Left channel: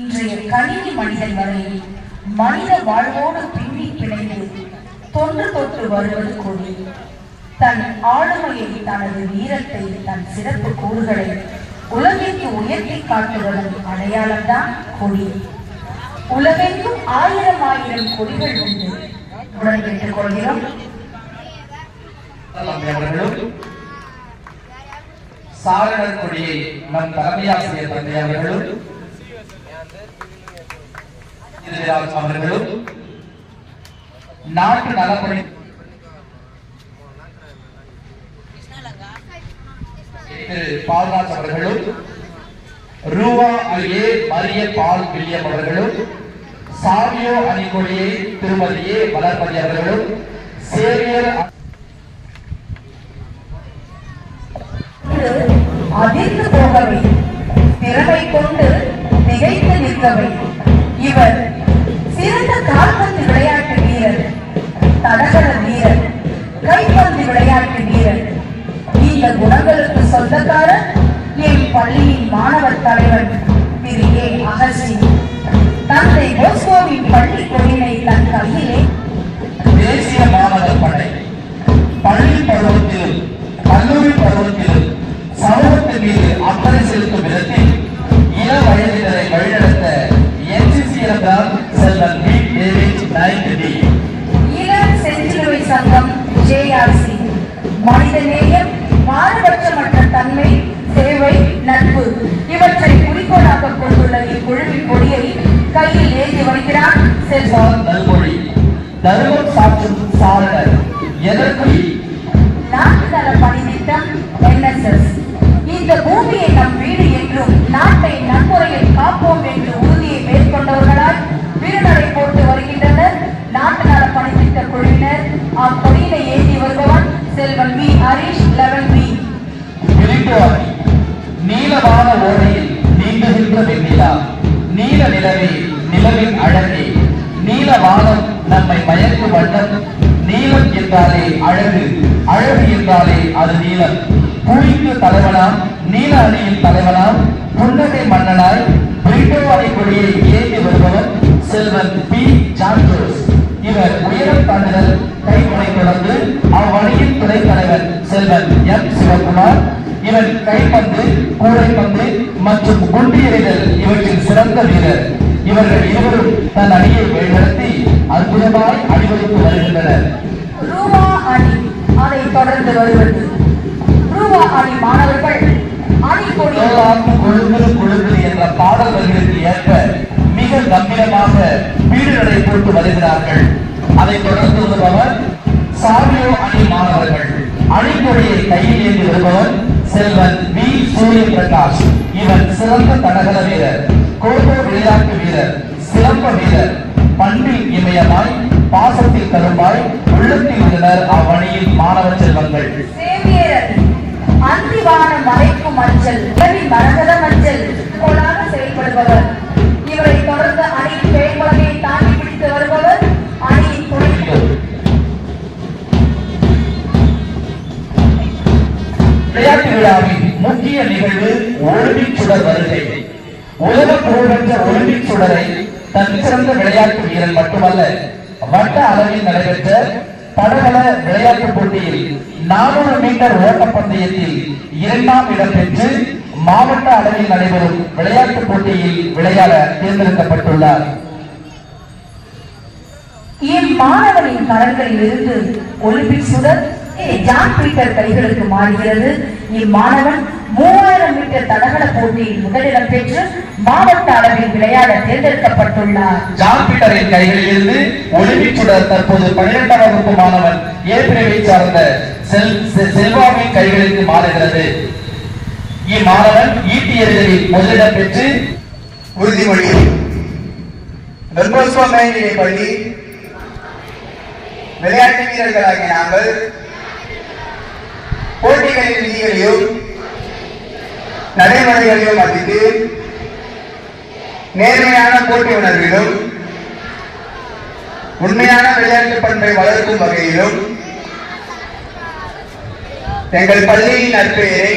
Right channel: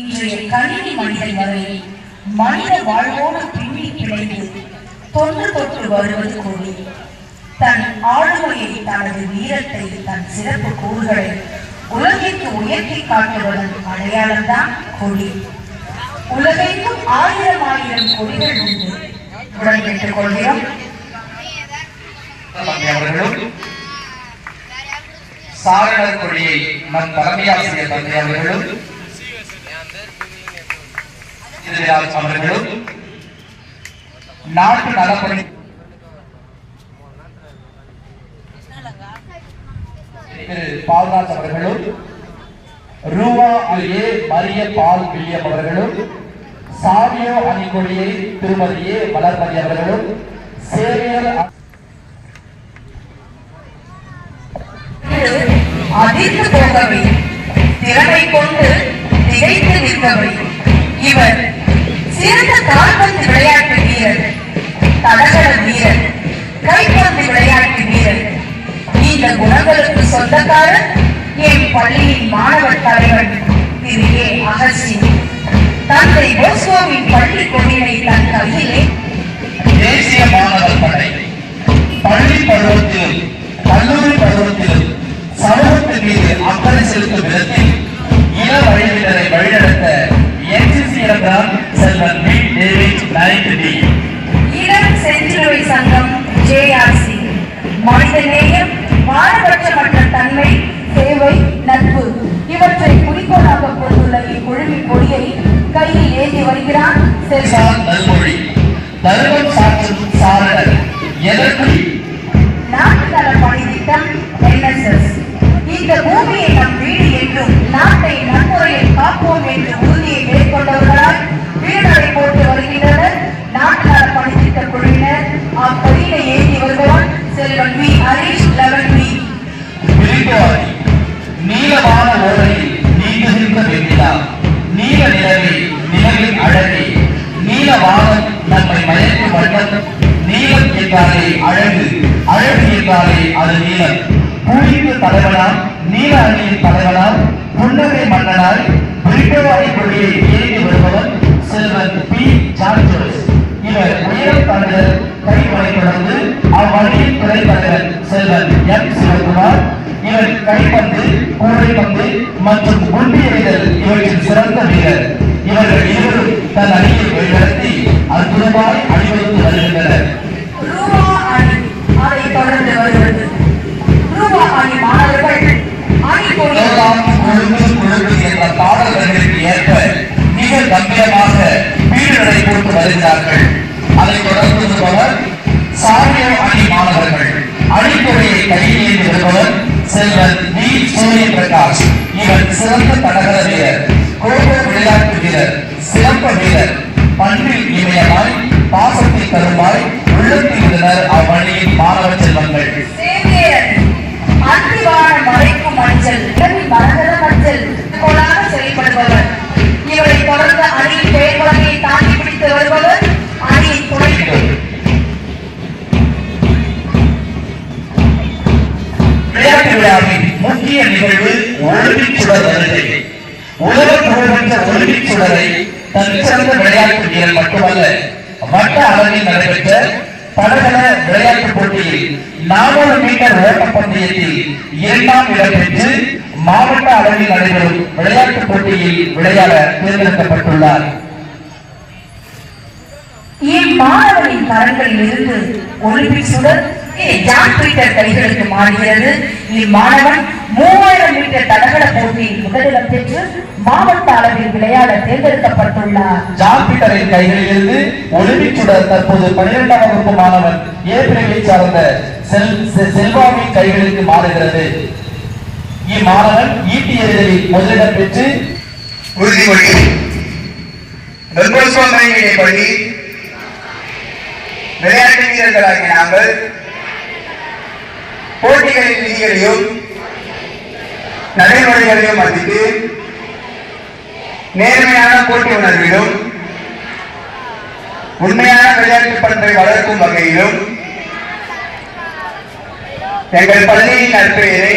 இன்றைய கணினி மனிதன் வரை மனித வாழ்வோடு பின்னி பிணைந்து தொன்று தொற்று வருவது கொடி. தன் ஆளுமையை, தனது வீரத்தை, தன் சிறப்பு கூறுகளை உலகிற்கு உயர்த்தி காட்டுவதன் அடையாளம்தான் கொடி. உலகெங்கும் ஆயிரம் ஆயிரம் கொடிகள் உண்டு. பெற்றுக் கொள்கிறோம். சாரணர் கொடியை நம் தலைமையாசிரியர் தந்தை அவர்களும் அவர்களும் நாட்டு நலப்பணி பால்ராஜ் அவர்களும் ரூவா ஏ மரிய பால் வில்லியம் அவர்களும் சாவியோ அணிகொடியை திருமதி ஏ வளர்மதி அவர்களும் சேவியர் அதிர்ந்து போகவை, திறமை கொண்டு திகைத்து நிற்கவை. இவர் சிறந்த கால்பந்து விளையாட்டு வீரர், தடகள வீரர், கைப்பந்து விளையாட்டு வீரர். இந்த குணங்களுக்கு சொந்தக்காரர் என் பள்ளியின் மாணவர் தலைவர் திரு ஏ அகஸ்டின். தந்தை போஸ்கோவின் பள்ளி கொடியினை தன் கையிலே தேசிய மாணவர் படை பள்ளி பருவத்திலும் கல்லூரி பருவத்திலும் சமூகத்தின் மீது அக்கறை செலுத்தும் விதத்தில் இளம் வயதினரை வழிநடத்த என்சிசி என்றால் செல்வன் பி டேவிட் நைன்டி, இளம் செஞ்சிலுவை சங்கம் ஜேஆர்சி, மனித நேயம், பாரபட்சமற்ற தன்மை, சேவை, நட்பு இவற்றை குறிக்கோளாக கொண்டுள்ள இக்குழுவின் கொடியை கையில் ஏந்தி வருகிறார் செல்வன் நல்மொழி. தருமம் சாற்றும் சாரணர் எதற்குடி நாட்டு நல பணி திட்டம் NSS. இந்த பூமியை நம் வீடு என்றும் நாட்டை நன்முறையில் காப்போம் என்று உறுதியை மேற்கொண்டவர்களால் வீடுகளை போட்டு வருகின்றனர் நாட்டு நல பணி திட்ட குழுவினர். அப்பணியினை ஏந்தி வருபவர் செல்வன் வி ஹரீஷ் 11B. நீளமான ஓடையில் நீங்குகின்ற வெண்ணிலா, நீல நிலவே நிலவின் அழகே, நீல வானம் நம்மை மயக்கும் வண்ணம். நீளம் என்றாலே அழகு, அழகு என்றாலே அது நீளம். புலிக்கு தலைவனாம், நீல அணியின் தலைவனாம், புன்னகை மன்னனாய் பிரிட்டோவாய் கொடியை ஏறி வருபவர் செல்வன் பி ஜார்ஜஸ். இவர் உயரம் தாண்டுதல் கைமுறை தொடர்ந்து அவ்வணியின் துறை தலைவர் செல்வன் எம் சிவகுமார். இவர் கைப்பந்து, கூடைப்பந்து மற்றும் குண்டு எறிதல் இவற்றின் சிறந்த வீரர். இவர்கள் இருவரும் தன் அணியை வழிநடத்தி அற்புதமாய் அணிவகுத்து வருகின்றனர். ரூபா அணி அதை தொடர்ந்து வருவது. ரூபா அணி மாணவர்கள் அணி கொடி என்ற பாடல்களுக்கு ஏற்ப மிக கம்பீரமாக வீடுகளை போட்டு வருகிறார்கள். அதை தொடர்ந்து வருபவர் சாமியோ அணி மாணவர்கள். அணிக்கொடியை கையில் ஏந்தி வருபவர் செல்வன் வி சூரிய பிரகாஷ். இவர் சிறந்த தடகள வீரர், கோப விளையாட்டு வீரர், சிறப்பு வீரர். பண்பில் இமயமாய், பாசத்தில் தருமாய் உள்ளத்தில் இருந்தனர் அவ்வணியின் மாணவ செல்வங்கள். மறைக்கும் மஞ்சள் மரகத மஞ்சள் போலாக செயல்படுபவர். இவரை தொடர்ந்து அணியின் பெயர் வகையை தாங்கி பிடித்து வருபவர் அணியின் துணை. விளையாட்டு விழாவின் முக்கிய நிகழ்வு ஒலிம்பிக் சுடர் வருகை. உலக புகழ்பெற்ற ஒலிம்பிக் சுடரை தன் சிறந்த விளையாட்டு வீரர் மட்டுமல்ல, வட்ட அளவில் நடைபெற்ற தடகள விளையாட்டு போட்டியில் 400 மீட்டர் ஓட்டப்பந்தயத்தில் 2ஆம் இடம் பெற்று மாவட்ட அளவில் நடைபெறும் விளையாட்டு போட்டியில் விளையாட தேர்ந்தெடுக்கப்பட்டுள்ளார். இம்மாணவனின் கரங்களில் இருந்து ஒலிம்பிக் சுடர் ஜான் பீட்டர் கைகளுக்கு மாறுகிறது. இம்மாணவன் 3000 மீட்டர் தடகள போட்டியில் முதலிடம் பெற்று மாவட்ட அளவில் விளையாட தேர்ந்தெடுக்கப்பட்டுள்ளார். ஜான் பீட்டரின் கைகளில் இருந்து ஒலிம்பிக் சுடர் தற்போது 12ஆம் வகுப்பு மாணவன் ஏ பிரிவை சார்ந்த செல்வாவின் கைகளுக்கு மாறுகிறது. இம்மாணவன் ஈட்டி எறிதலில் முதலிடம் பெற்று உறுதிமொழி. பள்ளி விளையாட்டு வீரர்களாகிய நாங்கள் போட்டிகளின் விதிகளையும் நடைமுறைகளையும் மதித்து நேர்மையான போட்டி உணர்விலும் உண்மையான விளையாட்டு பண்பை வளர்க்கும் வகையிலும் எங்கள் பள்ளியின் நற்பெயரை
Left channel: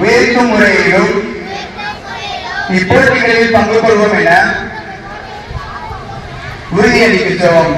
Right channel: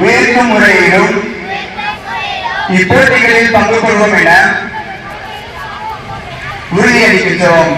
உயர்த்தும் முறையிலும் இப்போட்டிகளில் பங்கு கொள்வோம் என உறுதியளிக்கின்றோம்.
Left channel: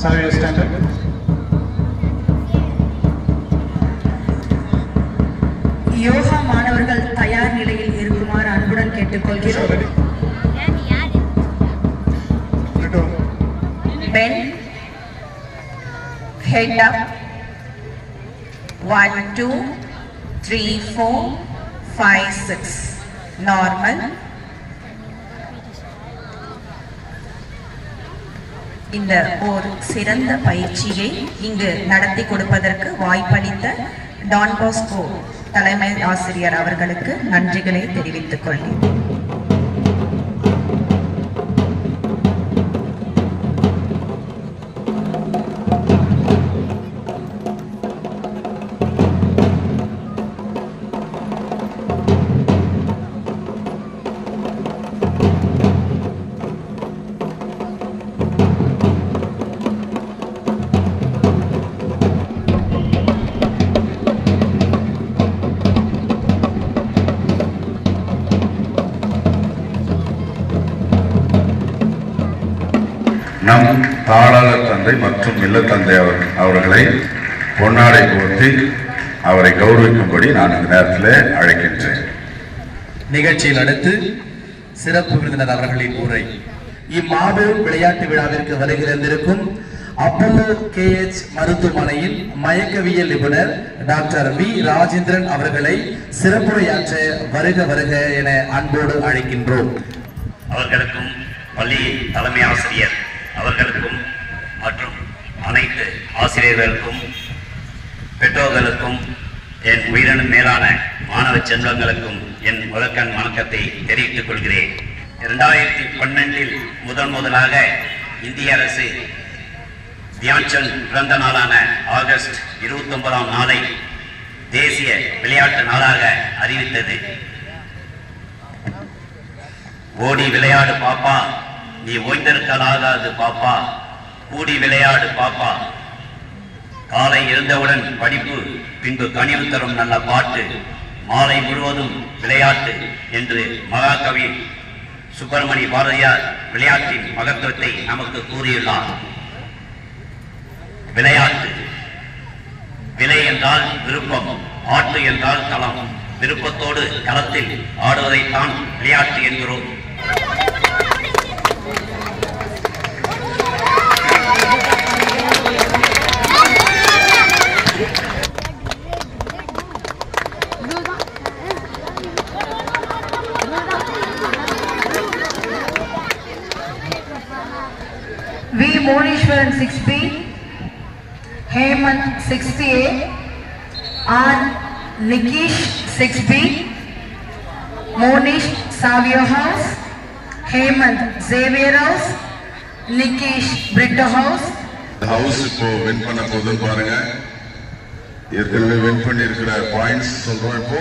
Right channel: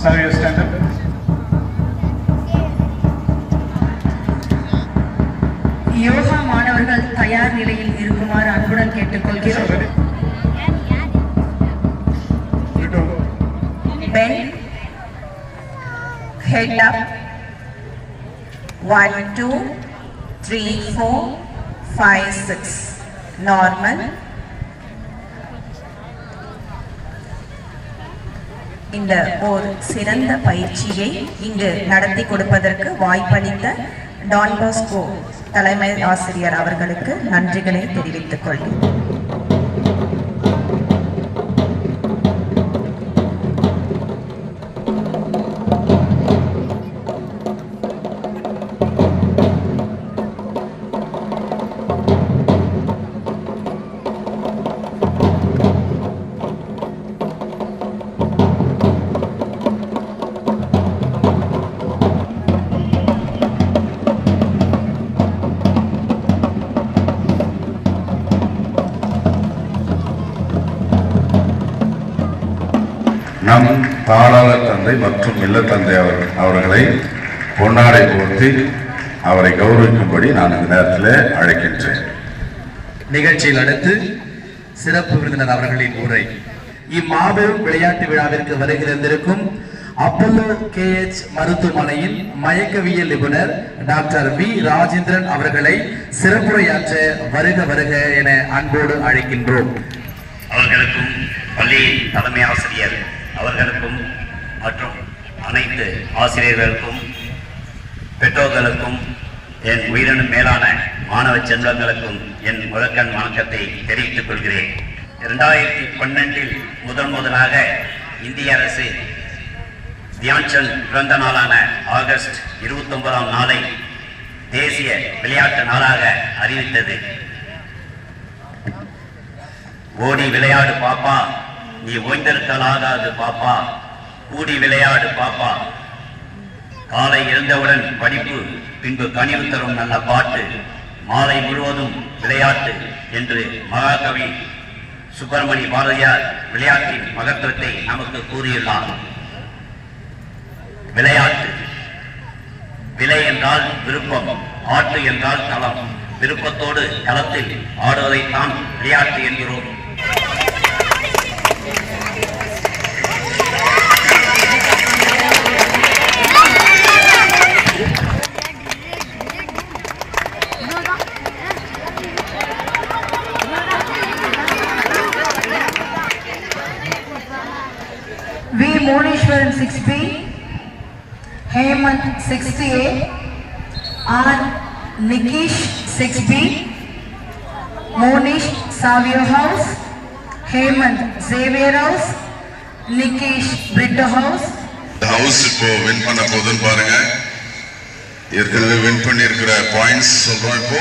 Sir, you stand up. Yoga மாணவர்கள் தயார் நிலையில் இருக்குமாறு அன்புடன் கேட்டுக்கொள்கிறோம். Bend, head up. 1, 2, 3, 4, 5, 6. Normal. இந்த ஒரு சிறந்த பயிற்சியை இங்கு நடத்தி கொடுப்பதற்கு வாய்ப்பளித்த டான் பாஸ்கோ தலைமை ஆசிரியர் அவர்களுக்கு நன்றிகளை தெரிவித்துக் கொள்கிறேன். நம் தாளாளர் தந்தை மற்றும் இல்ல தந்தை அவர்களை பொன்னாடை போர்த்தி அவரை கௌரவிக்கும்படி நான் இந்த நேரத்தில் அழைக்கின்றேன். நிகழ்ச்சியில் அடுத்து சிறப்பு விருந்தினர் அவர்களின் உரை. இம்மாபெரும் விளையாட்டு விழாவிற்கு வருகிறந்திருக்கும் அப்பல்லோ KH மருத்துவமனையின் மயக்கவியல் நிபுணர் டாக்டர் V. ராஜேந்திரன் அவர்களை சிறப்புரையாற்ற வருக வருக என அன்போடு அழைக்கின்றோம். அவர்களுக்கும் பள்ளியின் தலைமை ஆசிரியர் அவர்களுக்கும் மற்றும் அனைத்து ஆசிரியர்களுக்கும் பெற்றோர்களுக்கும் என் உயிரினும் மேலான மாணவ செல்வங்களுக்கும் என் முதற்கண் வணக்கத்தை தெரிவித்துக் கொள்கிறேன். 2012 முதலாக இந்திய அரசு தியான்சந்த் பிறந்த நாளான ஆகஸ்ட் 29ஆம் நாளை தேசிய விளையாட்டு நாளாக அறிவித்தது. ஓடி விளையாடு பாப்பா, நீ ஓய்ந்திருக்கலாகாது பாப்பா, கூடி விளையாடு பாப்பா, காலை எழுந்தவுடன் படிப்பு, பின்பு கனிவு தரும் நல்ல பாட்டு, மாலை முழுவதும் விளையாட்டு என்று மகாகவி சுப்பிரமணிய பாரதியார் விளையாட்டின் மகத்துவத்தை நமக்கு கூறியுள்ளார். விளையாட்டு விலை என்றால் விருப்பம், ஆட்டு என்றால் களம், விருப்பத்தோடு களத்தில் ஆடுவதைத்தான் விளையாட்டு என்கிறோம். V. Moneshwaran 6B, Hemant 6PA, R. Nikish 6B, Monish Savio House, Hemant Xavier House, Nikish Brito House. House இப்போ வின் பண்ண போதுன்னு பாருங்க. ஏற்கனவே வின் பண்ணி இருக்கிற பாயிண்ட்ஸ் சொல்றோம். இப்போ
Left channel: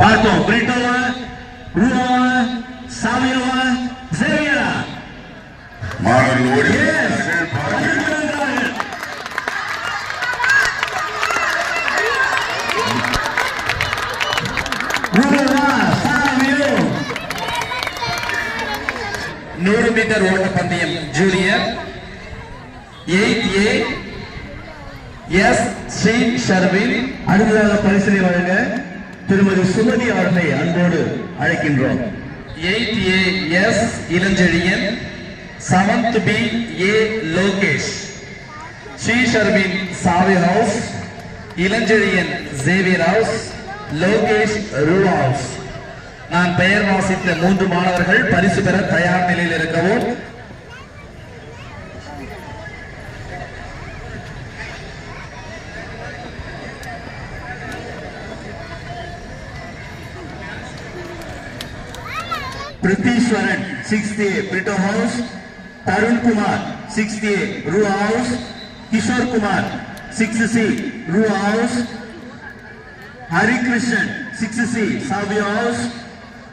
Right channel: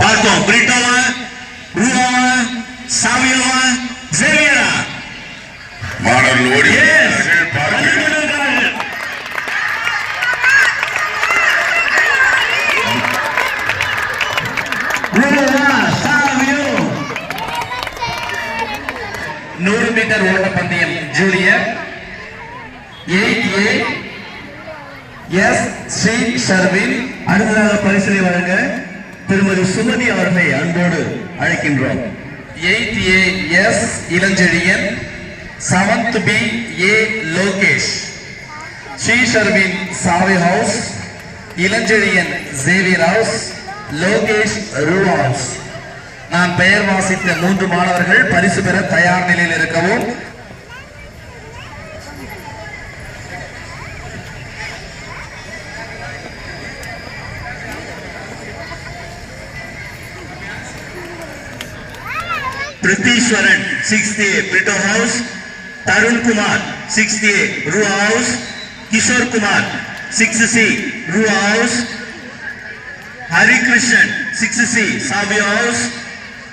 பார்த்தோம். பிரிட்டோவா, ரூவா, சாமியோவா ஜெயரா மாணவர்கள் ஓடி சாமியோ 100 மீட்டர் ஓட்டப்பந்தயம் junior 8A S Sri Sharvin. அடுத்ததாக பரிசனை வழங்க திருமதி சுமதி அவர்களை அன்போடு அழைக்கின்றோம். 8A S Ilanchezhiyan, 7th B A Lokesh, Sri Sharvin Savio house, Ilanchezhiyan Xavier house, Lokesh ரூ ஹவுஸ். நான் பெயர் வாசித்த 3 மாணவர்கள் பரிசு பெற தயார் நிலையில் இருக்கவும். Prithiswaran 6th A Brito house, Tarun Kumar 6th A ரூ house, Kishore Kumar 6th C ரூ house, Harikrishnan 6th C Savio house,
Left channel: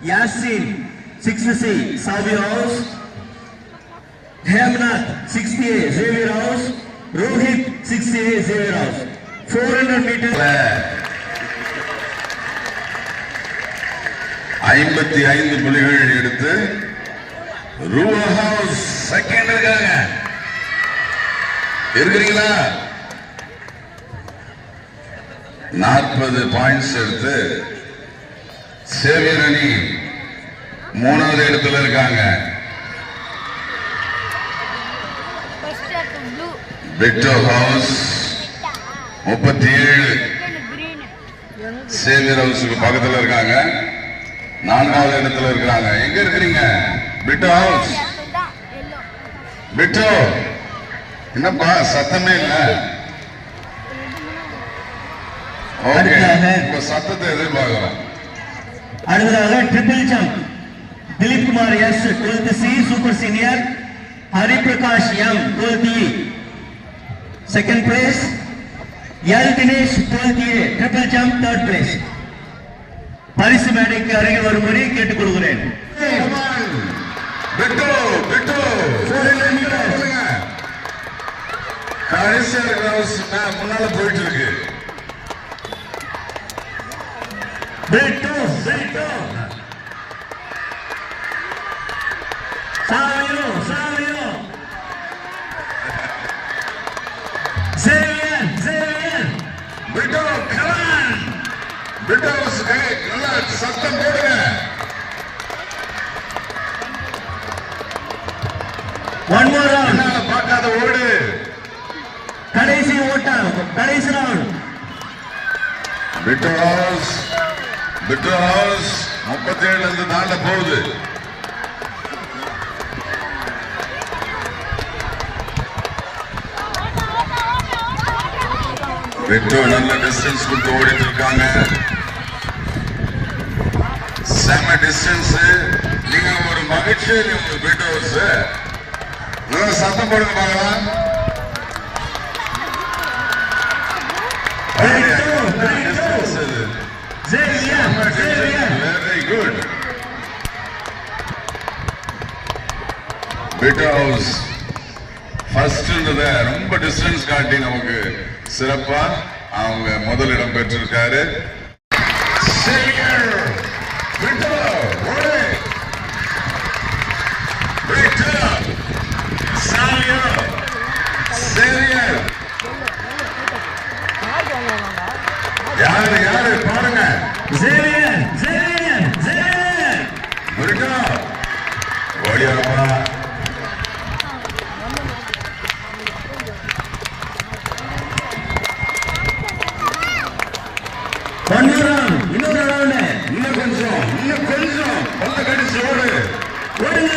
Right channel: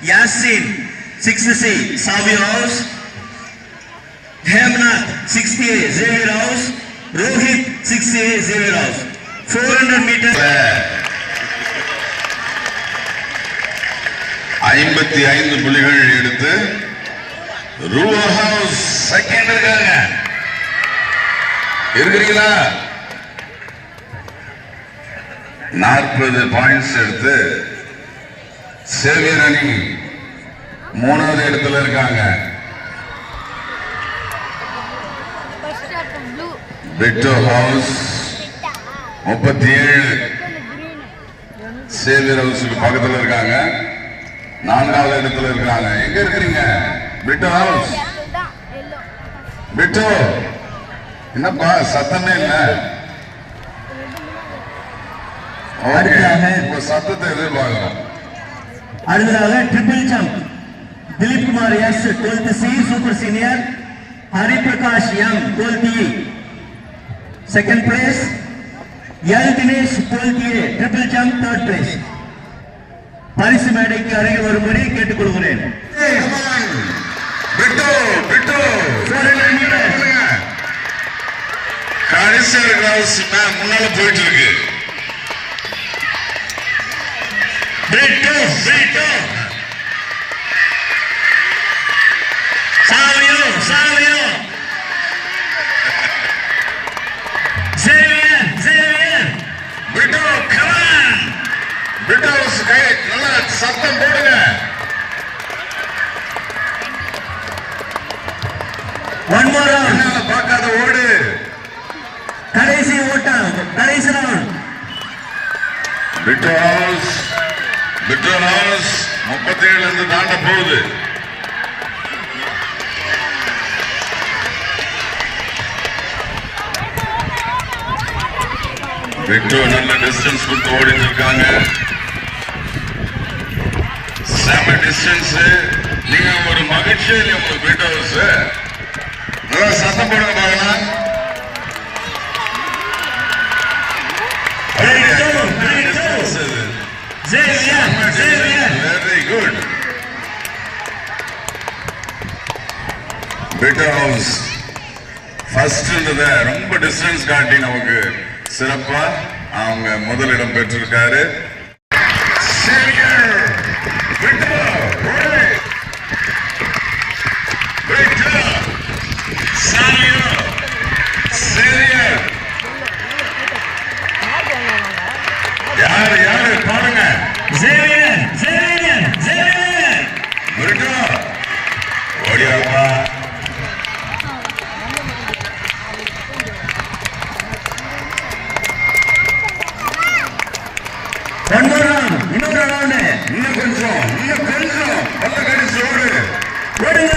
Yasin 6th C Savio house, Hemnath 6th A Xavier house, Rohit 6th A Xavier house. 400 metre 55 புள்ளிகள் எடுத்து ரூவா ஹவுஸ் செகண்ட் இருக்காங்க. இருக்கிறீங்களா? 40 பாயிண்ட்ஸ் எடுத்து சேவியர் அணி 3வது இடத்துல இருக்காங்க. விக்டோ ஹவுஸ் 37 சேவியர் ஹவுஸுக்கு பக்கத்துல இருக்காங்க. 4வது இடத்துல இருக்காங்க. எங்க இருக்கிறீங்க? பிட்டோ ஹவுஸ். பிட்டோ என்னப்பா சத்தமே இல்ல? ஓகே, இப்ப சத்தத்தை எதிர்பார்க்கிறோம். அடுத்ததாக triple jump Dileep Kumar S 12th C super senior, Hariprakash M 12th E second place, L Dinesh 12th A triple jump third place. பரிசு மேடைக்கு அருகில் வரும்படி கேட்டுக்கொள்கிறேன். முன்னால போயிட்டு இருக்கு. Savio Savio Xavier Xavier Britto come on. Brittos கை நல்லா சத்தம் போடுங்க. ஒன் மோர் என்னால பார்க்காத ஓடு. கடைசி ஓட்டம் கடைசி ரவுண்ட். பிட்டோ ஹவுஸ் 37 இருந்து தாண்ட போகுது. பிட்டோ நல்ல டிஸ்டன்ஸ் கொடுத்து ஓடிட்டு இருக்காங்க. செம டிஸ்டன்ஸ். நீங்க ஒரு மகிழ்ச்சி இல்லையா பிட்டோ ஹவுஸ்? நல்லா சத்தம் போடுங்க பாருங்க. Very good. Britto house first ரொம்ப டிஸ்டன்ஸ் காட்டி நமக்கு சிறப்பா அவங்க முதலிடம் பெற்றிருக்காரு. யாரு யாரு பாருங்க. ஓடியாப்பா. இன்னொரு ரவுண்டு இன்னும் கொஞ்சம் நல்ல கடிச்சு ஓடு. ஓடுங்க.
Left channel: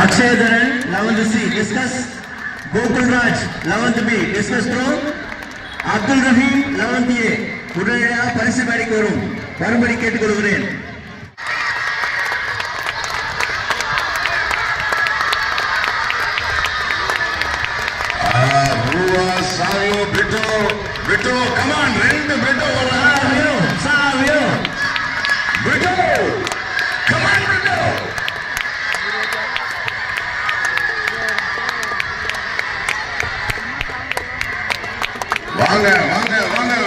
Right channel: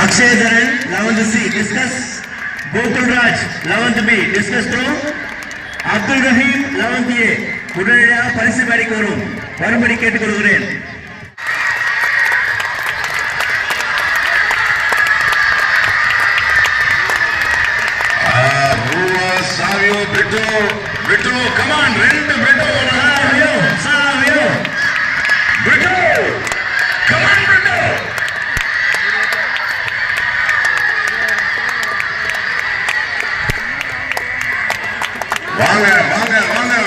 Akshay Dharan, 11th C, discus. Gokul Raj, 11th B, discus throw. Abdul Rahim, 11th A, உடனடியாக பரிசு மேடைக்கு வரும்படி கேட்டுக்கொள்கிறேன். Savio, Brito, come on, ரெண்டு Brito, Savio, Brito, come on, Brito. வாங்க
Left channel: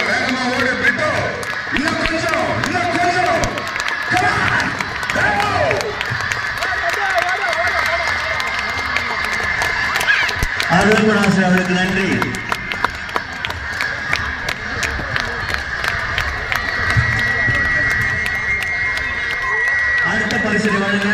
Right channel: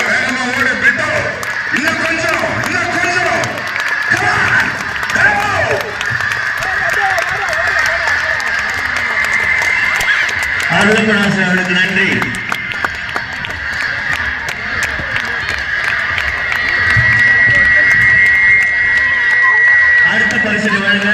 வேகமா ஓடு Brito. இன்னும் கொஞ்சம். Come on, go. ஆரோக்கியராஜ் அவர்களுக்கு நன்றி. அடுத்த பரிசு வழங்க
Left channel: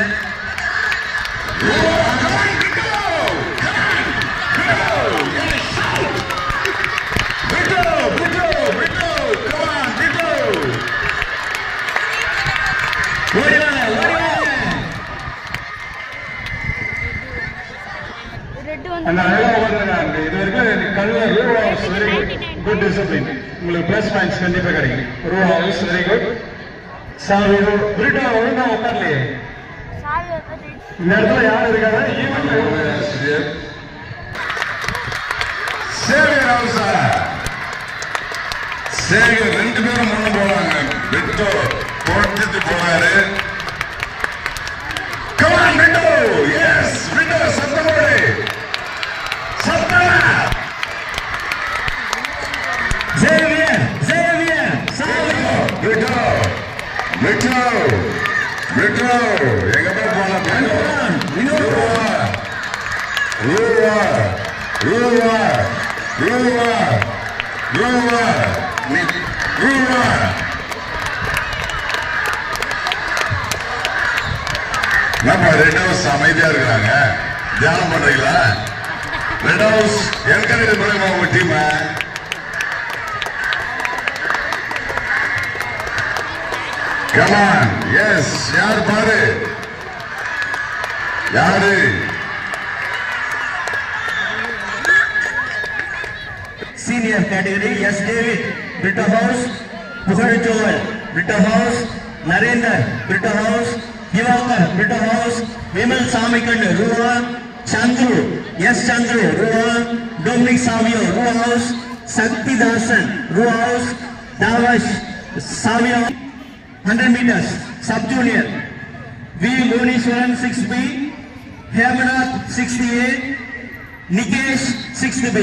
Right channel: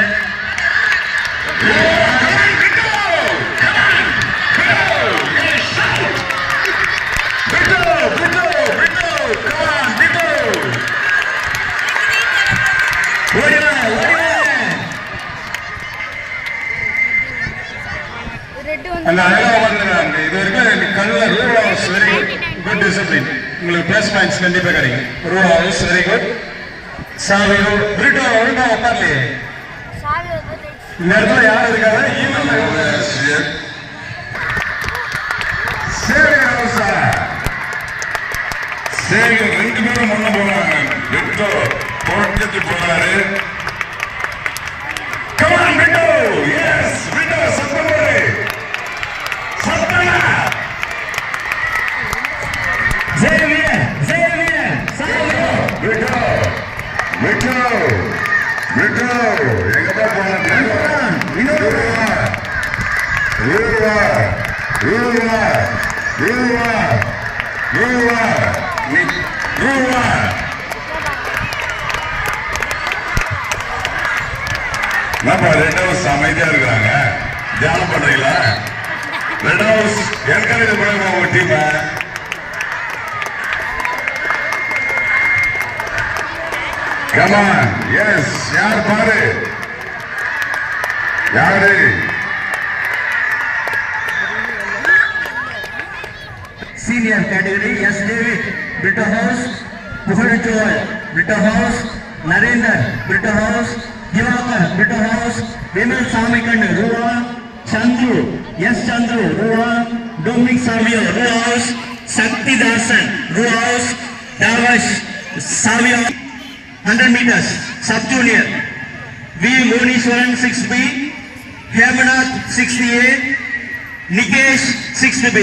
அந்த அழகாக ஓடுறாங்க. இது வரைக்கும் கல்ல rule house very good discipline. உங்களுக்கு பிளஸ் பாயிண்ட்ஸ் கண்டிப்பாக கிடைக்கும். Rule house very good. Savio Brito ஒழுங்கா உட்கார்லையே. இந்த இடத்துல யார் இருக்காங்க? சரி, ரெண்டு பேரும் முன்ன போனாங்க. Brito தோட்டத்துக்கு போனாரு. Come on, Brito. Yes, Brito, சத்தமா. Xavier, Brito, எங்கடா போன ரூவா. நம்ம ரெட் ஹவுஸ் அமைதியா இருக்காங்க. தியானம் பண்றீங்களா? ரெட் ஹவுஸ் என்கரேஜ் பண்ணுங்க உங்க டீம். Come on, yes, யார் பாரு, யாரு? senior category, yes, David, Brito House, Puhal Joel, Brito House, Narendra, Brito House, Divakar, Brito House, Vimal Samikan, Ruva, Chandru, yes, Chandru, Ruva, Dominic Samuel, Ruva House, Sakti Dasan, Ruva House, Davash, Samuel, 100 meters, sub-junior, V. Munishwaran, 6B, Hemanath, 68, Nikesh, 6B.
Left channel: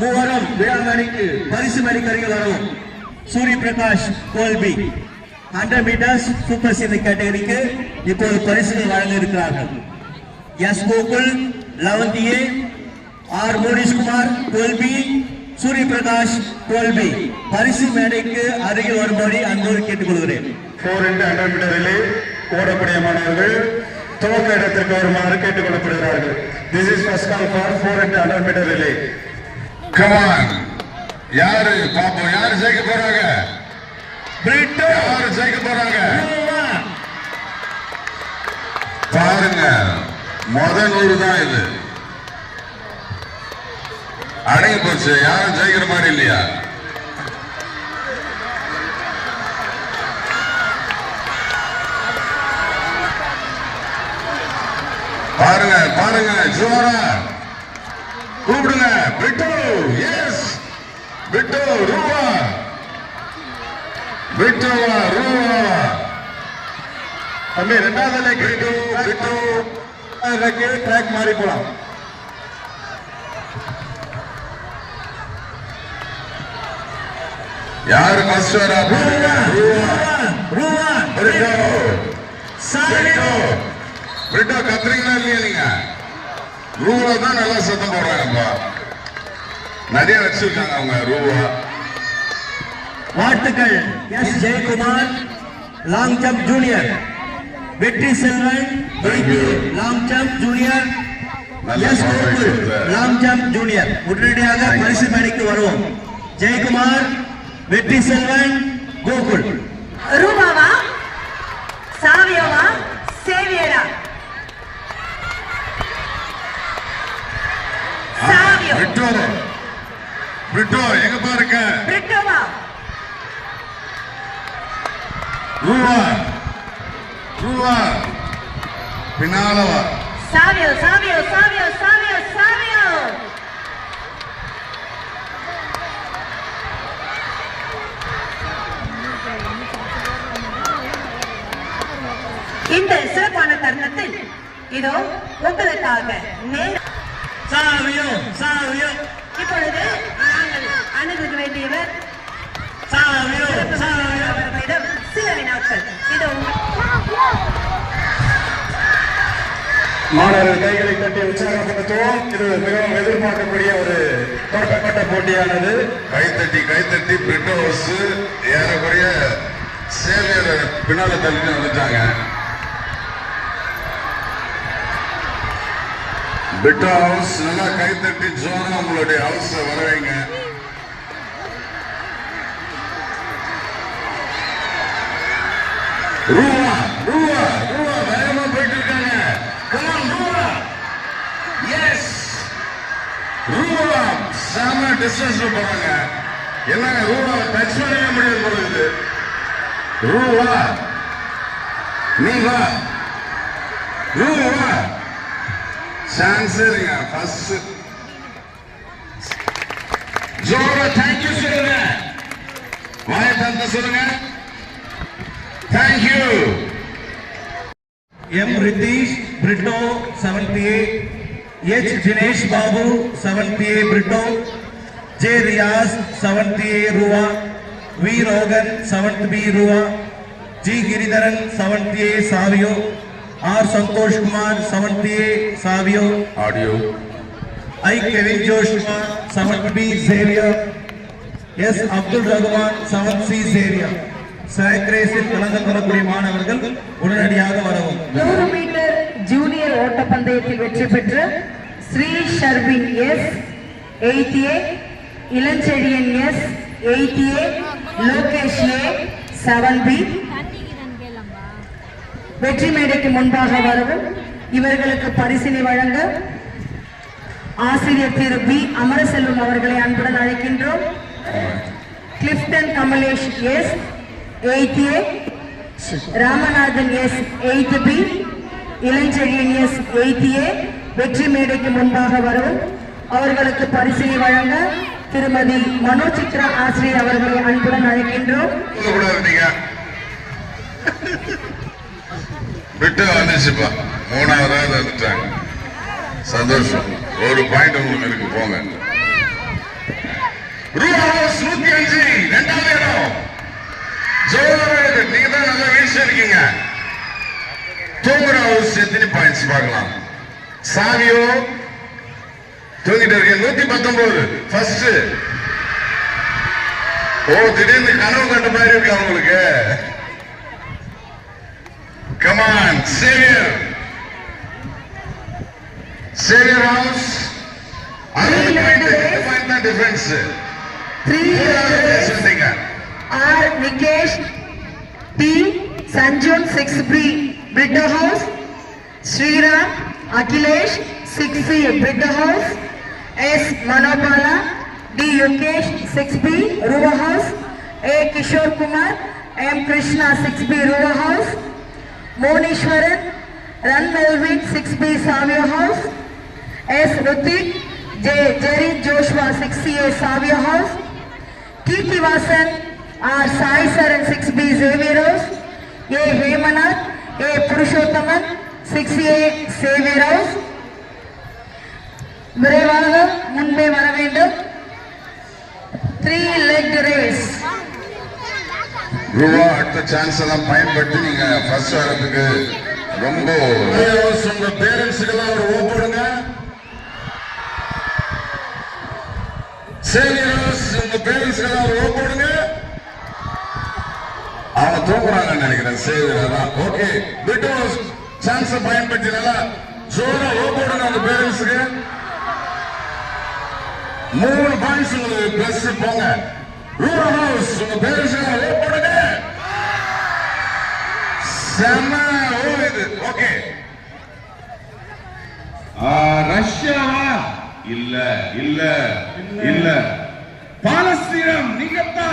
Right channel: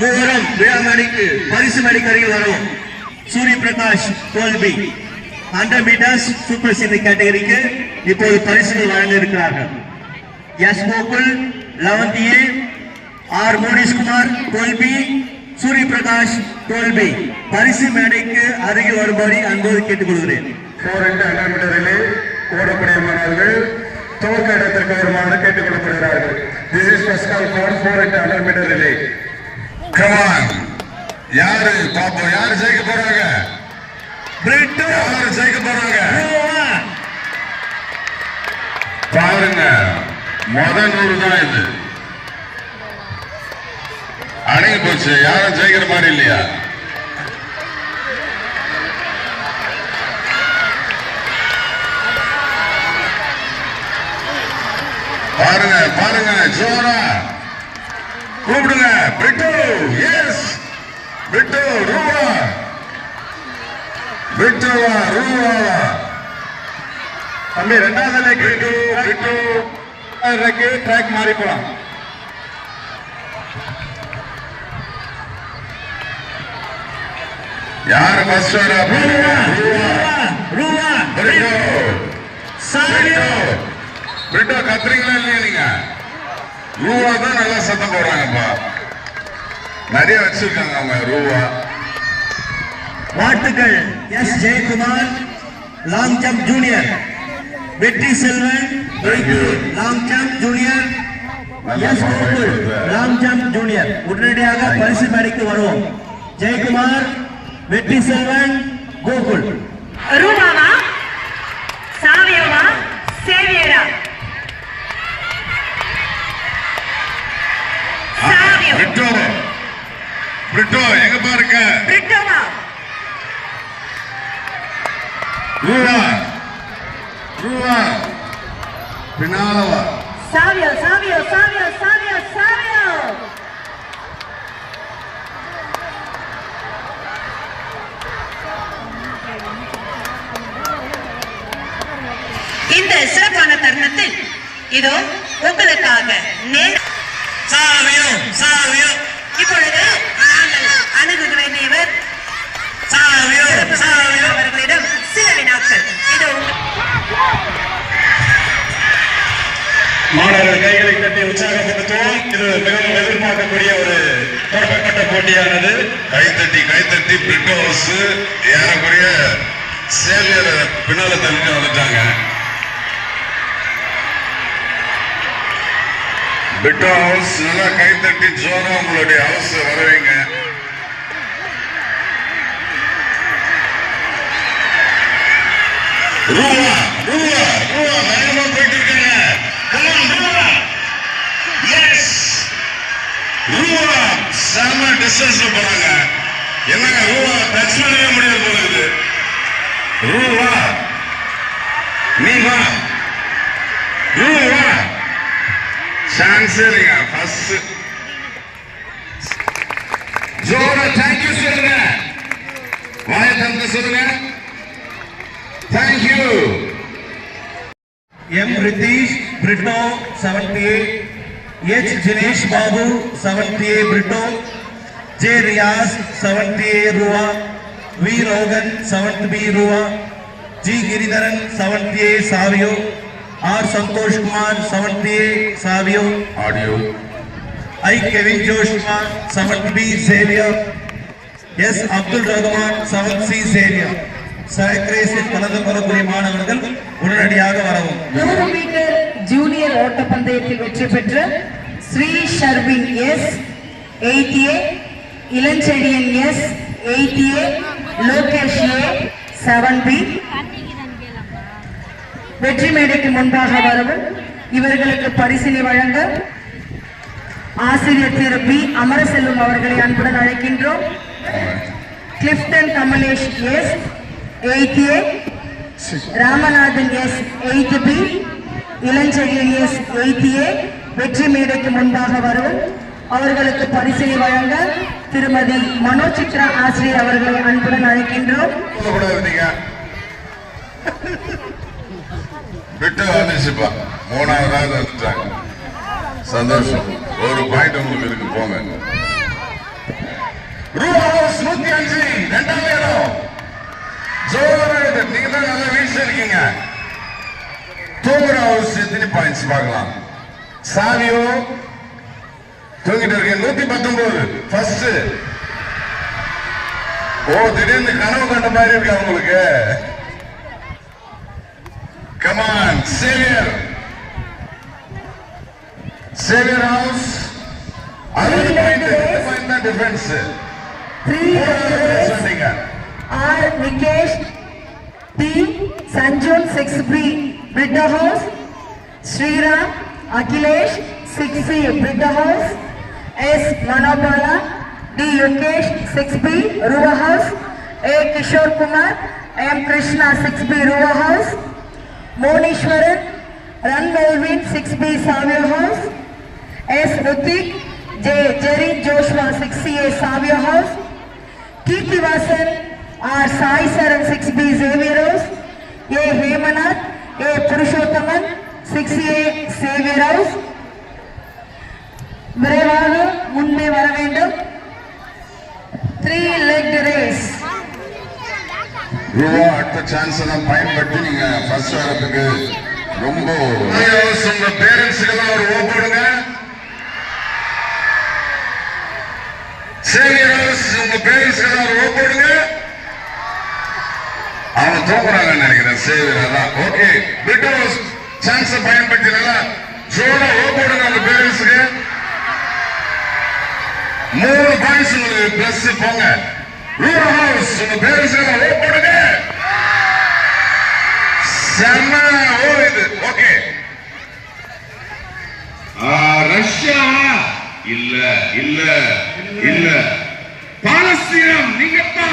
மூவரும் விழாமணிக்கு பரிசு மணிக்கருகே வரும். Surya Prakash 12B 100 metres super senior கேட்டகரிக்கு இப்போது பரிசுகள் வழங்க இருக்கிறார்கள். S Gokul 11th A, R Monishkumar 12B, Surya Prakash 12B பரிசு மேடைக்கு அருகில் வரும்படி அன்போடு கேட்டுக்கொள்கிறேன். 400 மீட்டரிலே ஓடக்கூடிய மாணவர்கள் துவக்க இடத்திற்கு வருமாறு கேட்டுக்கொள்ளப்படுகிறார்கள். This is first call for 400 meter relay. Come on, யாரு பாப்போம், யாரு ஜெயிக்க போறாங்க? பிரிட்டோ யாரு ஜெயிக்க போறாங்க பாருங்க. முதல் 100 தான் இது. அடங்கி போச்சு. யாரும் ஜெயிக்கிற மாதிரி இல்லையா? பாருங்க ஜோரா கூப்பிடுங்க. பிரிட்டோ, எஸ் பிரிட்டோ, ரூவா, பிரிட்டோவா, ரூவாவா? தம்பி ரெண்டாவது பிரிட்டோ ட்ராக் மாறி போலாம். யாரு ஃபர்ஸ்ட் வரா? ரூவா பிரிட்டோ, சாவியோ பிரிட்டோ கத்துறீங்களா இல்லையா நீங்க? ரூவா தான் நல்லா சத்தம் போடுறாங்க. நிறைய வச்சிருக்காங்க அவங்க ரூவா. வாழ்த்துக்கள். S Jayakumar long jump junior, Vetri Selvan long jump junior, S Gokul long jump junior உடனடியாக பரிசு மேடைக்கு வருவோம். ஜெயக்குமார், வெற்றி செல்வன், கோகுல். ரூபாவா, சாவியோவா, சேவியரா? பிரிட்டோ பிரிட்டோ எங்க பாருங்க பிரிட்டோவா ரூவா ரூவா பின்னாலவா Savio Savio Savio Savio Savio இந்த சிறப்பான தருணத்தில் இதோ உங்களுக்காக சாவியோ சாவியோ இப்பொழுது நாங்கள் அணுக வேண்டியவர் சாவியோ சாவியோ அவர்களிடம் சில வினாக்கள் இதோ மாணவர்கள் கைகளை தட்டி உற்சாகப்படுத்துவோம். இது மிகவும் எதிர்பார்க்கக்கூடிய ஒரு தொடக்கப்பட்ட போட்டியானது. கைத்தட்டி பிரிட்டோ ஹவுஸ் ஏறக்குறைய சேவியர் பின்னால தள்ளிட்டு வந்துட்டாங்க. பிரிட்டோ ஹவுஸ் நல்லா கைத்தட்டி ஜோரா உங்களுடைய ஹவுஸ் வரவைங்க. ரூவா ரூவா ரூவா வேகமா போயிட்டு இருக்காங்க. Come on, ரூவா. Yes. ரூவா செம டிஸ்டன்ஸ்ல போறாங்க. என்னங்க ரூவா டச் பண்ணவே முடியாது போல இருக்கு. ரூவா நீ வா ரூவா சான்ஸ் இல்லைங்க. ஃபர்ஸ்ட் ஜோரா தேங்க்யூ சொல்லுங்க. வாய தந்து சொல்லுங்க. Thank you. M. Ritesh, Brito, 78. H. Jinesh Babu, 78, Brito. J. Riaz, 78, Rua. V. Rogan, 70B, Rua. G. Giridharan, 78, Savio. R. Santosh Kumar, 78, Savio. Audio I. Kevin Joshua, 70B, Xavier. S. Abdul Rahman, 7C, Xavier. சைக்கிரேஸில் கலந்து கொள்ளக்கூடிய மாணவர்கள் உடனடியாக வரவும். 100 metre junior ஓட்டப்பந்தயத்தில் வெற்றி பெற்ற Sri Sharvin S 88, Ilanchezhiyan S 88, Lokesh ஏ 7B வெற்றி மேடைக்கு முன்பாக வரவும். இவர்களுக்கு பரிசினை வழங்க ஆசிரியர் திரு பி அமரசெல்வம் அவர்களை அன்புடன் அழைக்கின்றோம். Clifton Kamalesh S 88, Ramanathan S 8B, Ilanchezhiyan S 88 வெற்றி மேடைக்கு முன்பாக வரும். அவர்களுக்கு பரிசினை வழங்க திருமதி மனோசித்ரா ஆசிரியர் அவர்களை அன்புடன் அழைக்கின்றோம். விட்டு வந்துச்சுப்பா. மூணாவதாவது வந்துட்டாங்க. சந்தோஷம். ஒரு பாயிண்ட் உங்களுக்கு இருக்கு. போங்க. ரூபா 105 இரண்டாவது இடம். நீங்க தான் நல்லா வீழ்ச்சி இருக்கீங்க. தூங்குற ஹவுஸ் எத்தனை பாயிண்ட்ஸ் பார்க்கலாம். சாவியோ தூங்கிட்டு இருக்கீங்க. 119 ஃபர்ஸ்ட். ஓ திடீர்னு கனவு கண்ட மாதிரி இருக்கு உங்களுக்கு. Come on Xavier Xavier house 60 point தான் டிஃபரன்ஸ். 3 சொன்னீங்க. R. Nikesh T. Sanjun 6B, Brito House. Sriram Akhilesh 6C, Brito House. S. Manopala D. Yokesh 6B, Ruva House. A. Kishore Kumar M. Krishna 6B, Ruva House. Monishwaran Ran Melvin 6B, Savio House. S. Rutik J. Jerry Joshua 6CA, Savio House. Kirti Vasan R. Sai Saran 6B, Xavier House. A. Hemanath A. Purushothaman 6A, Xavier House. விரைவாக முன்பே வர வேண்டும். 3-leg race. ரூபா அடுத்த chance எல்லாம் பயன்படுத்தி நீங்க first வரதுக்கு ரொம்ப உங்க பேரண்ட்ஸுக்கு எல்லாம் ஒரு ஓப்படுங்க. சரி உங்க பேரண்ட்ஸுக்கு எல்லாம் ஒரு ஓப்படுங்க. அவங்க தூக்குறாங்கன்னு நினைக்கிறேன். சரி அதான் ஓகே. பிரிட்டோ சான்ஸை பயன்படுத்தி நல்லா ஜோரா ஓப்படுங்க. உங்க பேரண்ட்ஸுக்கு 3 பாயிண்ட்ஸ் உங்களுக்கு பிளஸ் போங்க. ரூபா ஹவுஸ் உங்க பேரண்ட்ஸுக்கு எல்லாம் ஓப்படுங்க. செம்ம ஓ இது ஓகே. ரஷ்யாவா இல்ல இல்ல இல்ல பாலஸ்தீனம் நீங்கப்பா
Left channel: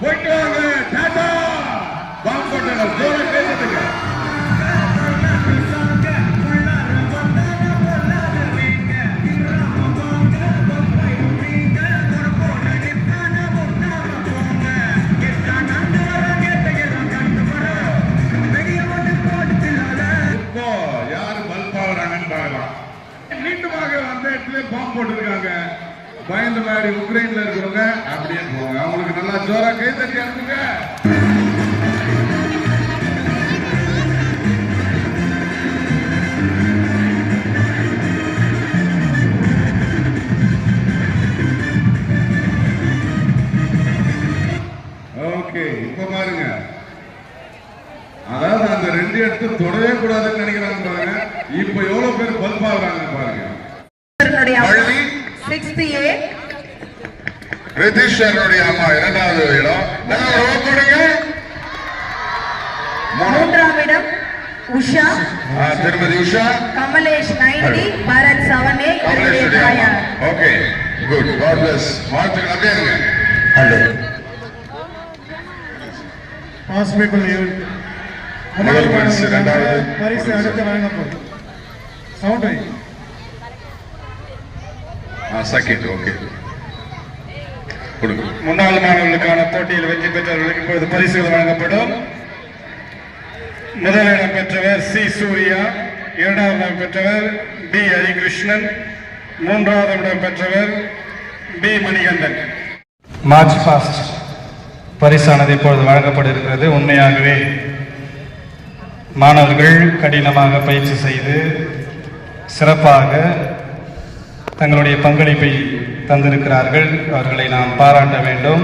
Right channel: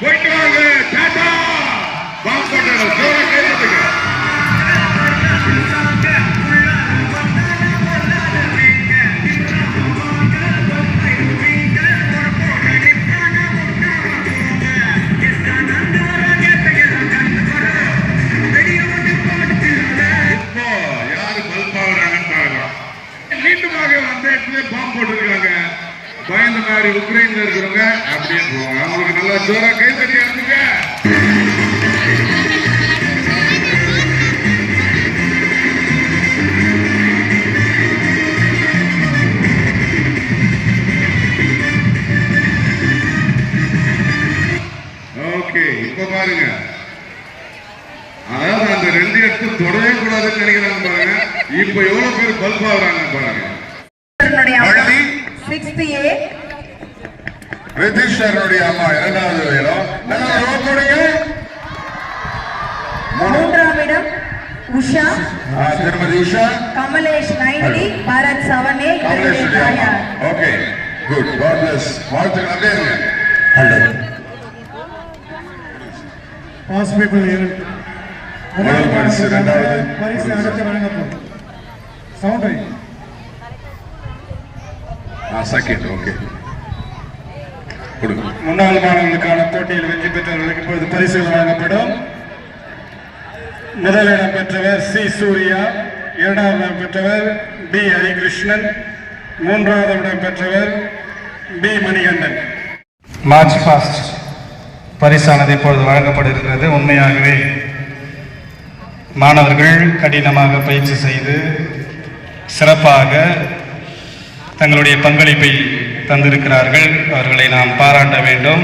போயிட்டு வாங்க டாடா பாம்பு போட்டுங்க பாம்பு போட்டுருக்காங்க பயந்த மாதிரி உக்ரைன்ல இருக்கிறவங்க அப்படின்னு போவாங்க அவங்களுக்கு நல்லா ஜோரா கை தட்டி அனுப்புங்க ஓகே இப்ப பாருங்க அதாவது அந்த ரெண்டு இடத்துல தொடவே கூடாதுன்னு நினைக்கிறாங்க பாருங்க இப்ப எவ்வளவு பேர் பல்ப் ஆகுறாங்க பாருங்க ரிதிஷருடைய அம்மா இரண்டாவது இடம் மூன்றாம் இடம் உஷா திருமதி Usha Kamalesh 90 Bharat 7A okay good got plus வாழ்த்துக்கள் அப்படியே இருங்க ஹலோ ஹாஸ்பிட்டல் முதல் பரிசு இரண்டாவது பரிசு அடுத்து வழங்கப்படும் சவுண்ட் சக்கிட் ஓகே முன்னாள் மாணவர்களுக்கான போட்டியில் வெற்றி பெற்றவர்களுக்கு இப்பொழுது பரிசுகள் வழங்கப்படும். முதல் இடம் பெற்றவர் சி சூர்யா, இரண்டாவது இடம் பெற்றவர் பி ஹரிகிருஷ்ணன், மூன்றாவது இடம் பெற்றவர் பி மணிகண்டன். மார்ச் பாஸ்ட் பரிசானது இப்பொழுது வழங்கப்பட்டிருக்கிறது. உண்மையாகவே மாணவர்கள் கடினமாக பயிற்சி செய்து சிறப்பாக தங்களுடைய பங்களிப்பை தந்திருக்கிறார்கள். அவர்களை நாம் பாராட்ட வேண்டும்.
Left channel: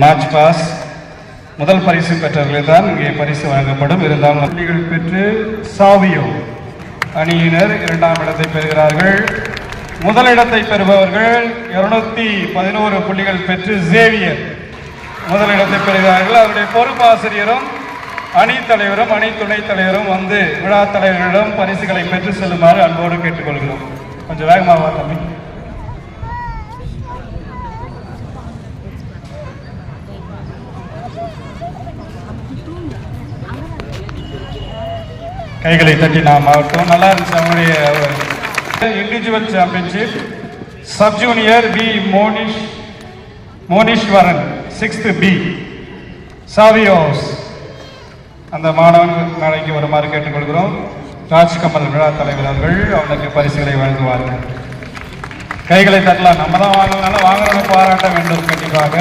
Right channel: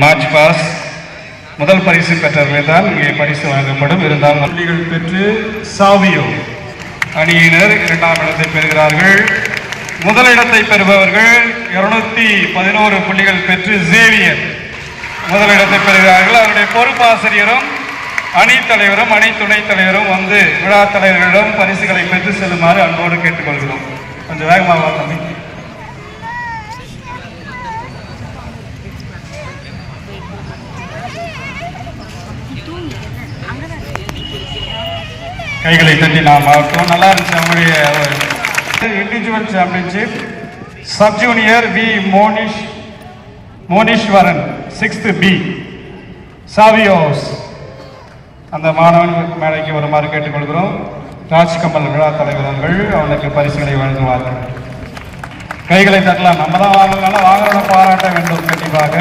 மார்ச் பாஸ் முதல் பரிசு பெற்றவர்கள் தான் இங்கே பரிசு வழங்கப்படும். இருந்தாலும் பள்ளிகள் பெற்று சாவியோ அணியினர் இரண்டாம் இடத்தை பெறுகிறார்கள். முதலிடத்தை பெறுபவர்கள் 211 புள்ளிகள் பெற்று ஜேவியர் முதலிடத்தை பெறுகிறார்கள். அவருடைய பொறுப்பாசிரியரும் அணி தலைவரும் அணி துணைத் தலைவரும் வந்து விழா தலைவர்களிடம் பரிசுகளை பெற்று செல்லுமாறு அன்போடு கேட்டுக்கொள்கிறோம். கொஞ்சம் வேகமாக தம்பி. கைகளை தட்டி நாம் ஆகட்டும். நல்லா இருந்துச்சு அவங்களுடைய individual championship. Sub junior B Moneeswaran 6th B Savios அந்த மாணவன் மேடைக்கு வருமாறு கேட்டுக்கொள்கிறோம். ராஜ்கமல் விழா தலைவர்கள் அவனுக்கு பரிசுகளை வழங்குவார்கள். கைகளை தட்டலாம். நம்ம தான் வாங்கினாலும் வாங்குறவங்க பாராட்ட வேண்டும் கண்டிப்பாக.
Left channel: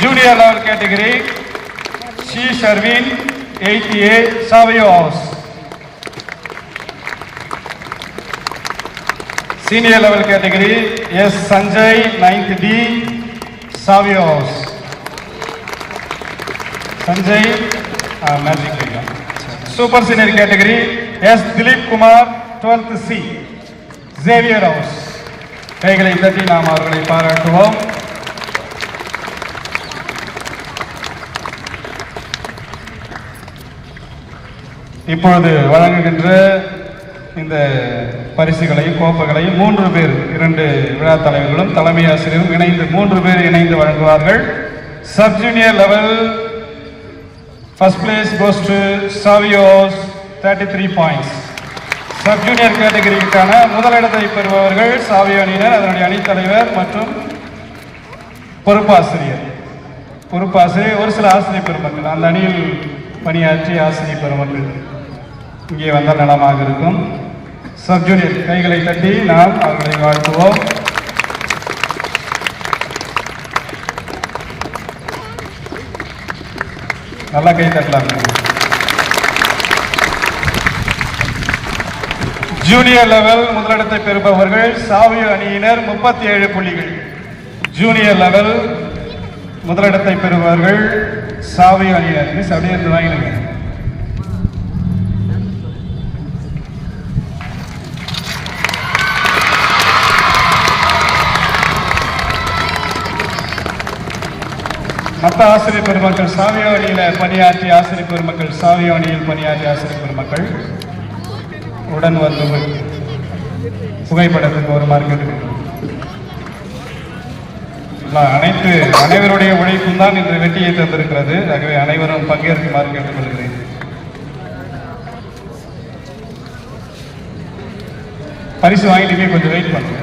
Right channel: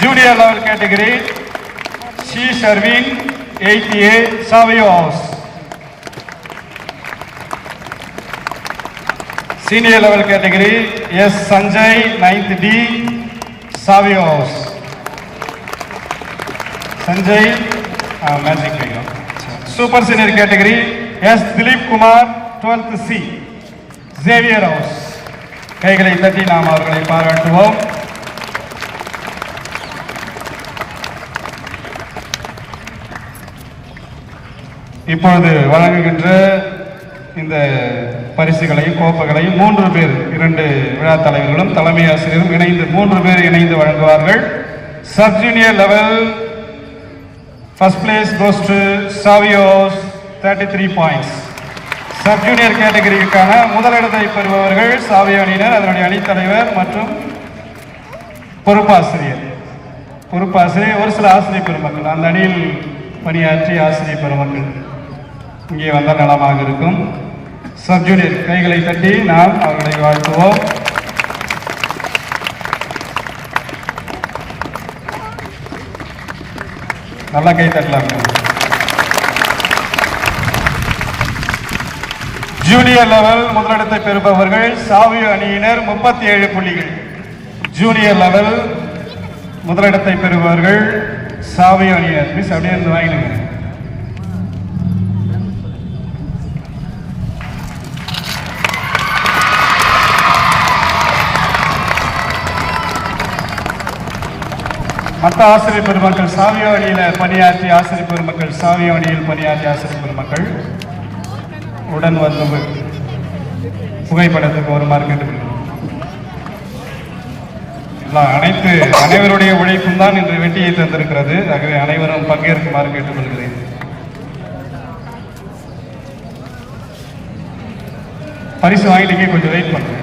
Junior level category C Sarveen 8th A Savios. Senior level category S Sanjay 9th D Savios. Sanjay magic. Super senior category S Dileep Kumar 12th C Xavier house. கைகளை தட்டி நாம் அவர்களை பாராட்டுவோம். இப்பொழுது வழங்குகின்ற இந்த பரிசுகளையும் கோப்பைகளையும் 3 பேர் 2 விழா தலைவர்களும் தலைமை ஆசிரியரும் இணைந்து 3 பேர் இணைந்து வழங்குவார்கள். Sub junior level first place goes to Savios 33 points. Sub junior கேட்டகரிக்கான முதலிடத்தை பெறுபவர்கள் சாவியோ அணியினர், அதனுடைய அணித்தலைவர் மற்றும் பொறுப்பாசிரியர். ஒரு சில ஆசிரியர் பெருமக்கள் அந்த அணியில் பணியாற்றி ஆசிரியர் பெருமக்கள் இங்கே வந்தால் நலமாக இருக்கும். சப் ஜூனியர் கைகளை தட்டி நாம் அவர்களை வாழ்த்துவோம். நல்லா கை தட்டலாம். ஜூனியர் லெவல் முதலிடத்தை பெறுபவர்கள் சாவியோ அணியினர் 37 புள்ளிகள். ஜூனியர் லெவல் முதலிடத்தை பெறுபவர்கள் சாவியோ அணியினர். மிஸ் அப்படியே இருந்து வாங்கினீங்க. மற்ற ஆசிரியர் பெருமக்கள் சாவியோ அணியில் பணியாற்றிய ஆசிரியர் பெருமக்கள் சாவியோ அணியில் பணியாற்றிய ஆசிரியர் பெருமக்கள் உடன் வந்து புகைப்படத்துக்கு ஒரு மார்க் எடுக்கிறோம். அனைவருடைய உழைப்பும் தான் இன்று வெற்றியை தந்திருக்கிறது. ஆகவே அனைவரும் பங்கேற்குமாறு கேட்டுக்கொள்கிறேன். பரிசு வாங்கிட்டு கொஞ்சம் வெயிட் பண்ணுங்க.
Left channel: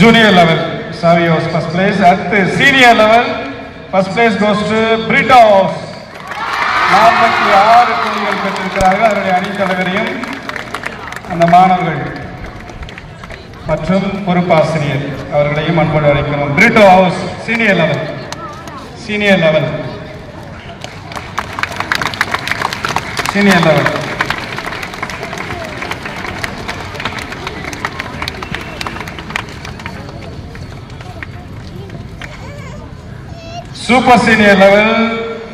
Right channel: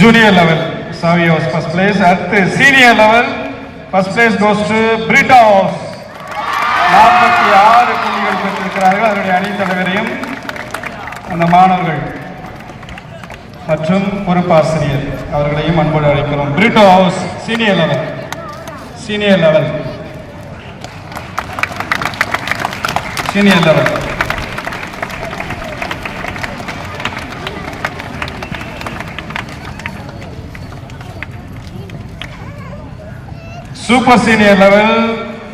Junior level Savios first place. அடுத்து senior level first place goes to Brittos. 46 புள்ளிகள் பெற்றிருக்கிறார்கள். அவருடைய அணி தலைவரையும் அந்த மாணவர்கள் மற்றும் பொறுப்பாசிரியர் அவர்களையும் அன்போடு அழைக்கிறோம். Brito house senior level senior level senior level Super senior level,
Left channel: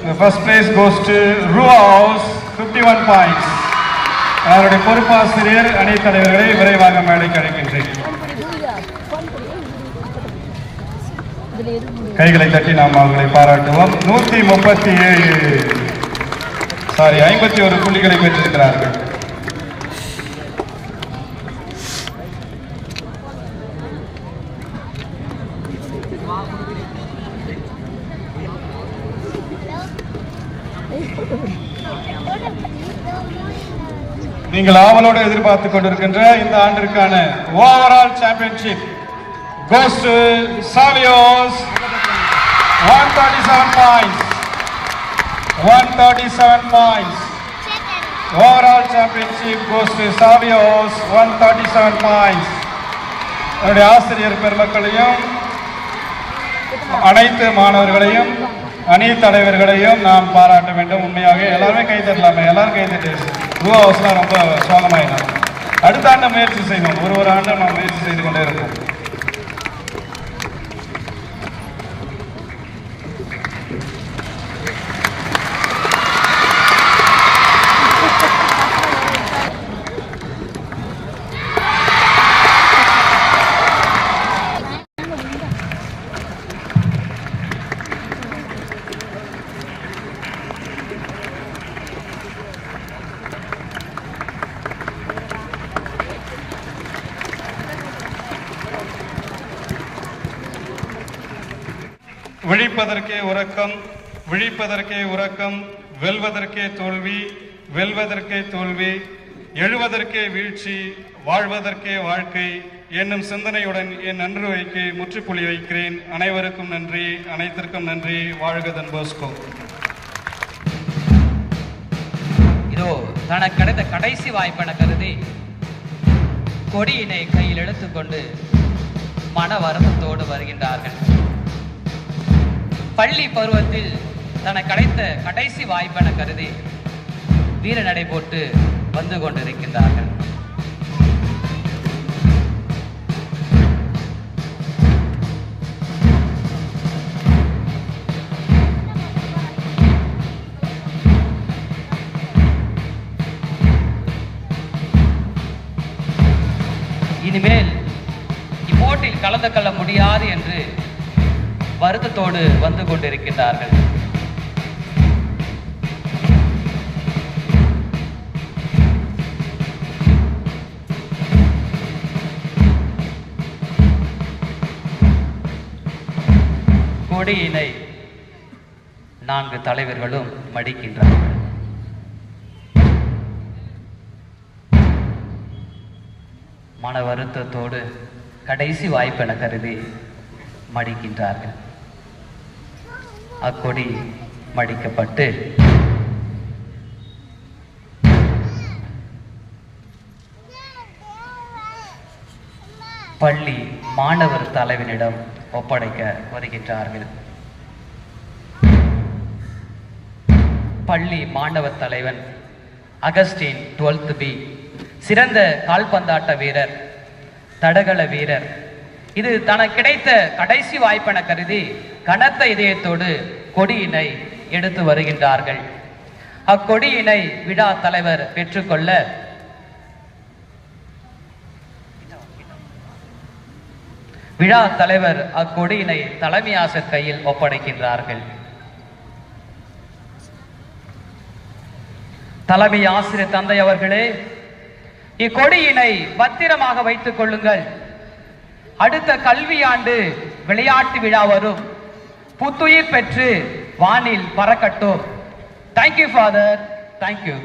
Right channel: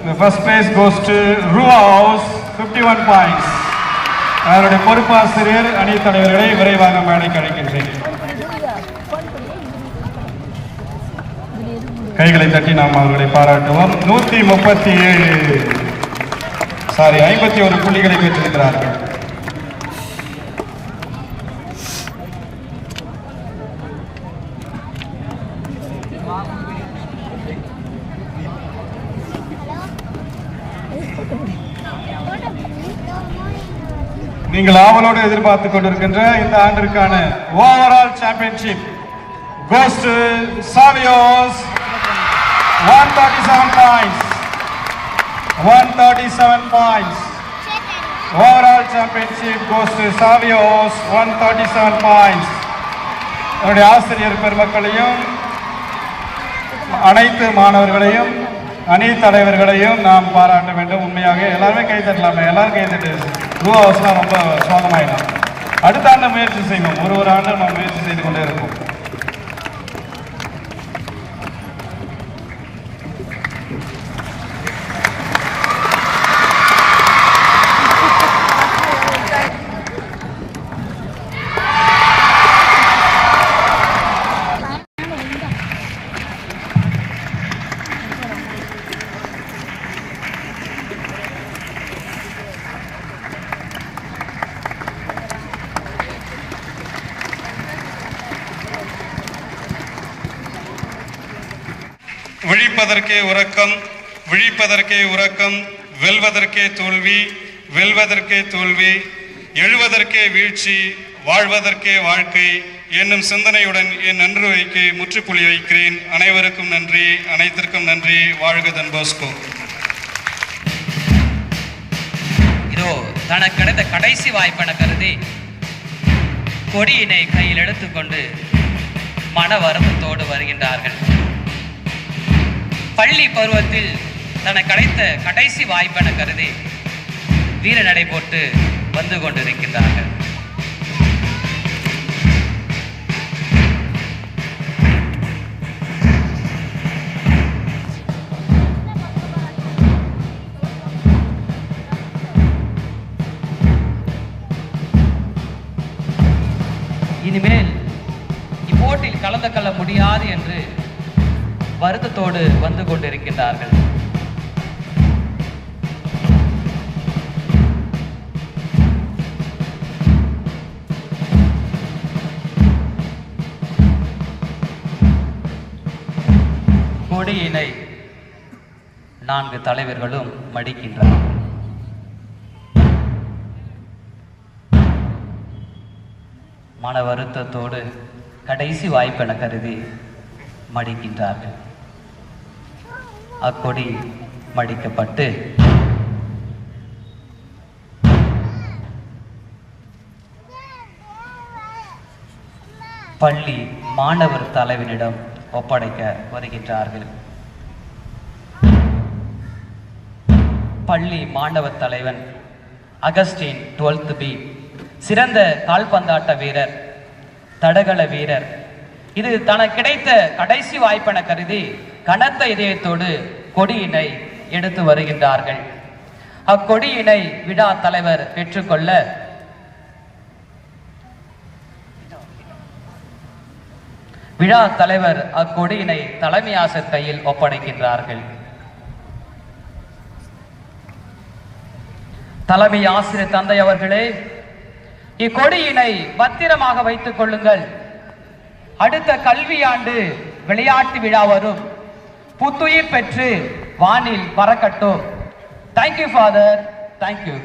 the first place goes to Rua House, 51 points. அவருடைய பொறுப்பாசிரியர் அணி தலைவர்களை விரைவாக மேடைக்கு அழைக்கின்றேன். கைகளை தட்டி நாம் அவர்களை பாராட்டுவோம். 51 புள்ளிகளை பெற்றிருக்கிறார்கள். நீங்கள் ஆவலோடு எதிர்பார்த்துக் கொண்டிருக்கின்ற இந்த ஆண்டிற்கான overall championship goes to Savios, 137 points. 137 points. Overall championship goes to Savios, 137 points. என்னுடைய ஆசிரியர் பெருமக்களையும் அனைத்து மாணவர்களையும் அணி தலைவர்களையும் நாம் பாராட்ட வேண்டும். உண்மையாக எல்லாருமே கை தட்டலாமே, எல்லாரும் கை தட்டி. ரூ ஹவுஸ்லாம் ரொம்ப சோகமாயிடும். அடுத்த ஆண்டு முயற்சி செய்யணும். ஒரு ஆண்டு நாம் முயற்சி செய்து கொண்டே இருக்கோம். விழிப்பதற்கே உறக்கம், விழிப்பதற்கே உறக்கம், வெல்வதற்கே தோல்வி, வெல்வதற்கே தோல்வி, எழுவதற்கே வீழ்ச்சி, வாழ்வதற்கே வாழ்க்கை என்னும் சிந்தனையுடன் என் நன்றிக்கு முற்றுப்புள்ளி வைக்கிறேன். அனைவருக்கும் நன்றி, அனைத்திற்கும் நன்றி. வாழ்க தன் போஸ்கோ. இதோ தனக்கு கிடைத்த கடைசி வாய்ப்பென கருதி கொடியினை கையில் எடுத்துக்கொண்டு மன வருத்தத்தோடு வருகின்றார்கள். பள்ளி பருவத்தில் தனக்கு கிடைத்த கடைசி வாய்ப்பென கருதி வீர நடை போட்டு வந்து கொண்டிருக்கின்றார்கள். இனிமேல் இப்போட்டில் கலந்து கொள்ள முடியாது என்று வருத்தத்தோடு வந்து கொண்டிருக்கின்றார்கள். கொடியினை 4 தலைவர்களும் மடிக்கின்றார்கள். மன வருத்தத்தோடு கடைசி வாய்ப்பென கருதி மடிக்கின்றார்கள். அக்கொடி மடிக்கப்பட்டு பள்ளி மாணவர் தலைவனிடம் ஒப்படைக்க வருகின்றார்கள். பள்ளி மாணவர் தலைவன் அகஸ்டின் 12th B சிறந்த கால்பந்தாட்ட வீரர், தடகள வீரர். இது தனக்கு கிடைத்த கடைசி வாய்ப்பென கருதி கனத்த இதயத்தோடு கொடியினை எடுத்து வருகின்றார்கள். அக்கொடியினை விழா தலைவர் பெற்றுக்கொள்ள விழா தலைவர் அக்கொடியினை தலைமை ஆசிரியர் கையில் ஒப்படைக்கின்றார்கள். தலைமை ஆசிரியர் தந்தை அவர்களே, இக்கொடியினை பத்திரமாக வைத்துக் கொள்ளுங்கள். அடுத்த கல்வியாண்டு விளையாட்டு விழா வரும். புத்துயிர் பெற்று வானில் பறக்கட்டும். Thank you father, thank you.